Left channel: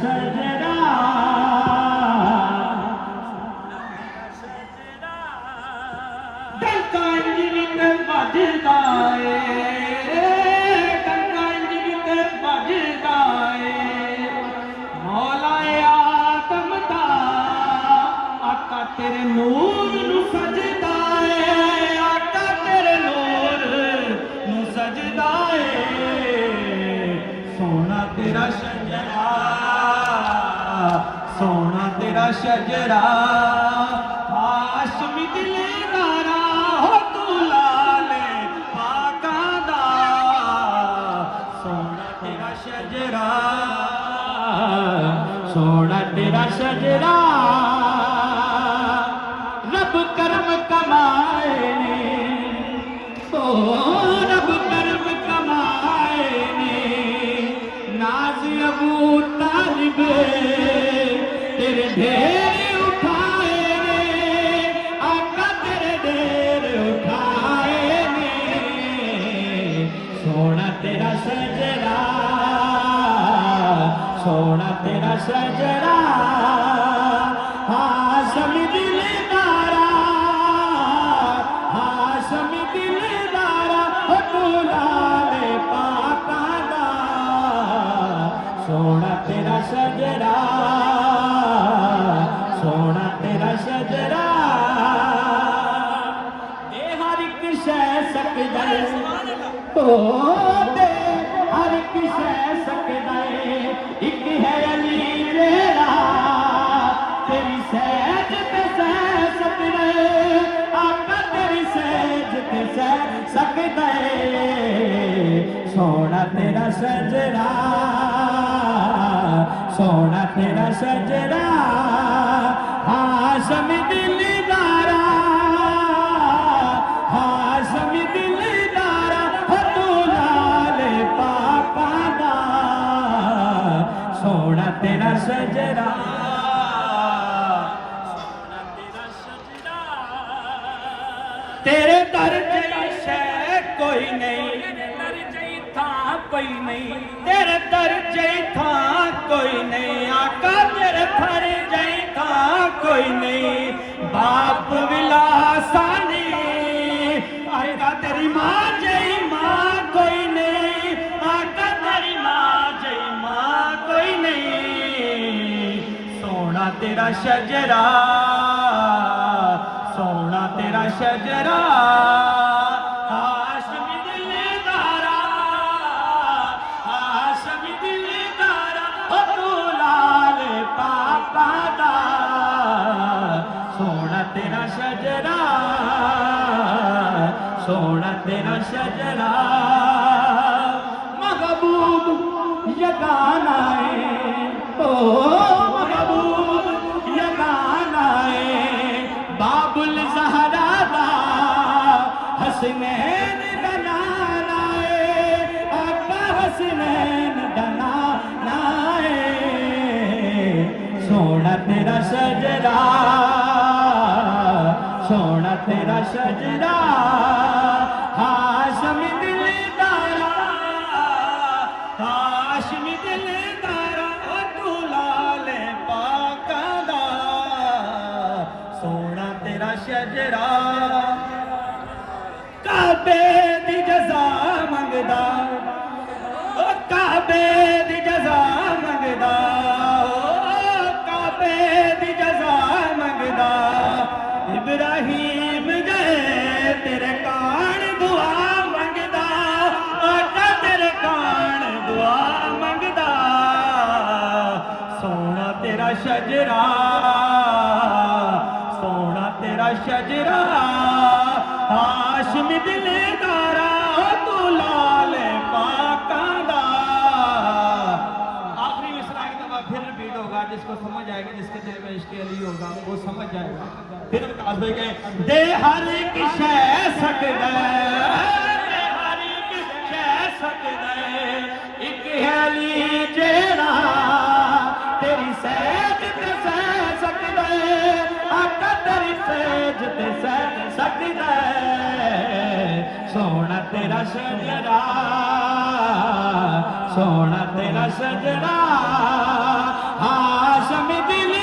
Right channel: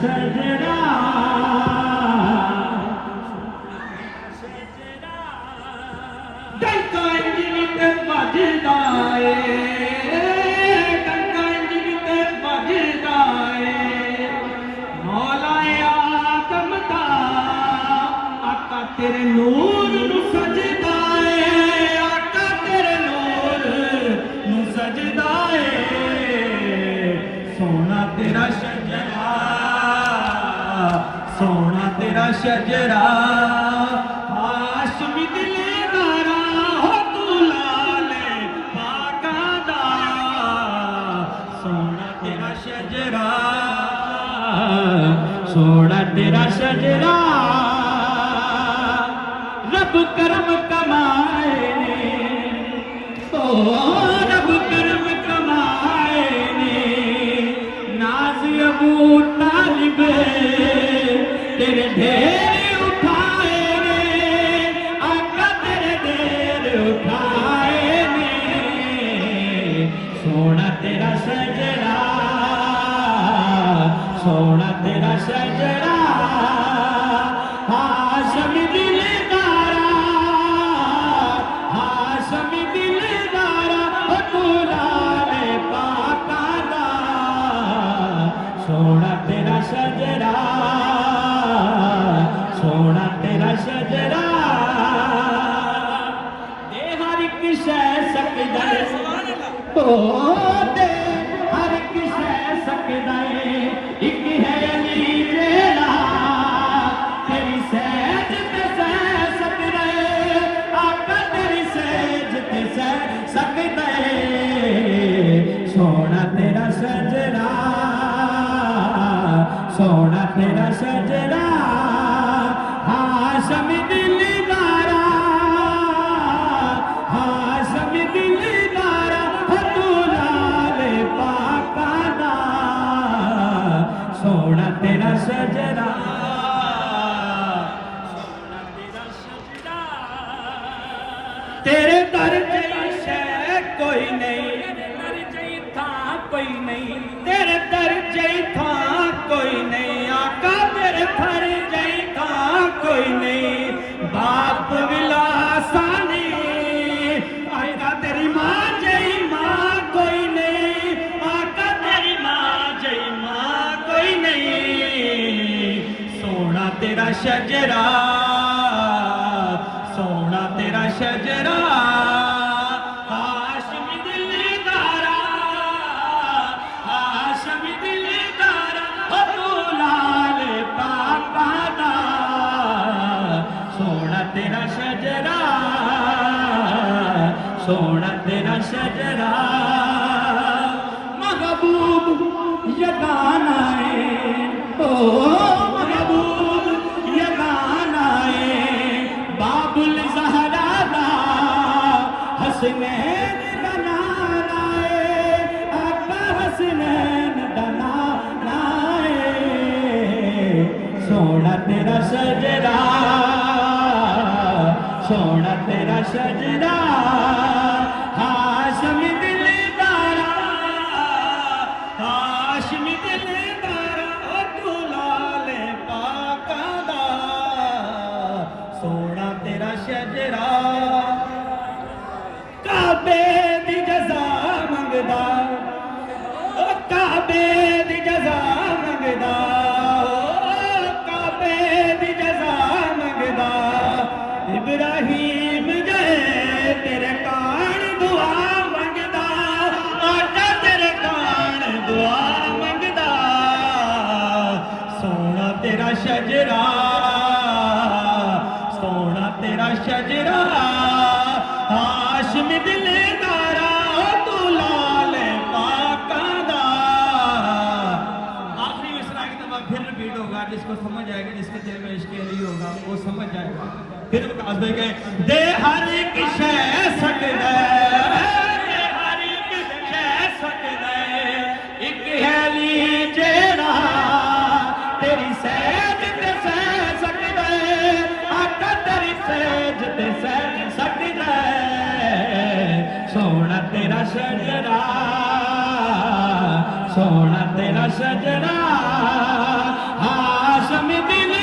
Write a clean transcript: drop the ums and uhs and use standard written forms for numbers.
सजदा डंका इंज विच वजदा ए डंका इंज विच वजदा ए मौला आदम दा आका तेरे नूर नू सजदा ए आका तेरे नूर नू सजदा ए सोना तेरा शजरा सोना तेरा शजरा हाशमी दिलदारा हो तू लाले पाका दा सोना तेरा शजरा सोना तेरा शजरा रब कर्म कमाए ने ओ रब कर्म कमाए ने नाज अबू तालिब तेरे ढेर उठाए रे आका तेरे ढेर उठाए ने सोना तेरा सजरा सोना तेरा सजरा हाशमी दिलदारा हाशमी दिलदारा हो तू लाले पाका दा सोना तेरा सजरा सोना तेरा सजरा दे हर एक शै सकदा ओ दे हर एक शै सकदा एक है अली तेरा तेरी सहज ते सह सकदा आका तेरी सहज ते सह सकदा सोना तेरा सजरा सोना तेरा सजरा हाशमी दिलदारा हाशमी दिलदारा हो तू लाले पाका दा सोना तेरा सजरा सोना तेरा सजरा तेरे दर जई शै कोई नहीं तेरे दर जई था कोई नहीं तेरे दर जई था कोई नहीं आका तेरे दर जई था कोई नहीं बाप विलासानी आका तेरी माँ जई माँ कोई नहीं आका तेरी माँ जई माँ कोई नहीं सोना तेरा शजरा सोना तेरा शजरा हाशमी दिलदारा हाशमी दिलदारा हो तू लाले पाका दा सोना तेरा शजरा सोना तेरा शजरा महबूब यगाना है ओ महबूब यगाना है बाबुल ज़हरा दा हसनैन बनाना है आका हसनैन बनाना है सोना तेरा सजरा सोना तेरा सजरा हाशमी दिलदारा हाशमी दिलदारा ओ तू लाले पाका दा सोना तेरा शजरा काबे दी जज़ा मंगदा ओ काबे दी जज़ा मंगदा ओ काबे दी जज़ा मंगदा इब्राहिम गए तेरे कान दुआ मंगदा आका तेरे कान दुआ मंगदा सोना तेरा शजरा सोना तेरा शजरा हाशमी दिलदारा तू लाले पाका दा आखिरी मिसरा की दफा फिर रिपीट होगा जिसको समझ आएगा जिसके दिल में इश्क अली होगा वो समझ जाएगा फिर विकास भाई के दे हर एक शै सकदा दे हर एक शै सकदा एक है अली जेड़ा तेरी सहज ते सह सकदा आका तेरी सहज ते सह सकदा सोना तेरा सजरा सोना तेरा सजरा हाशम दिल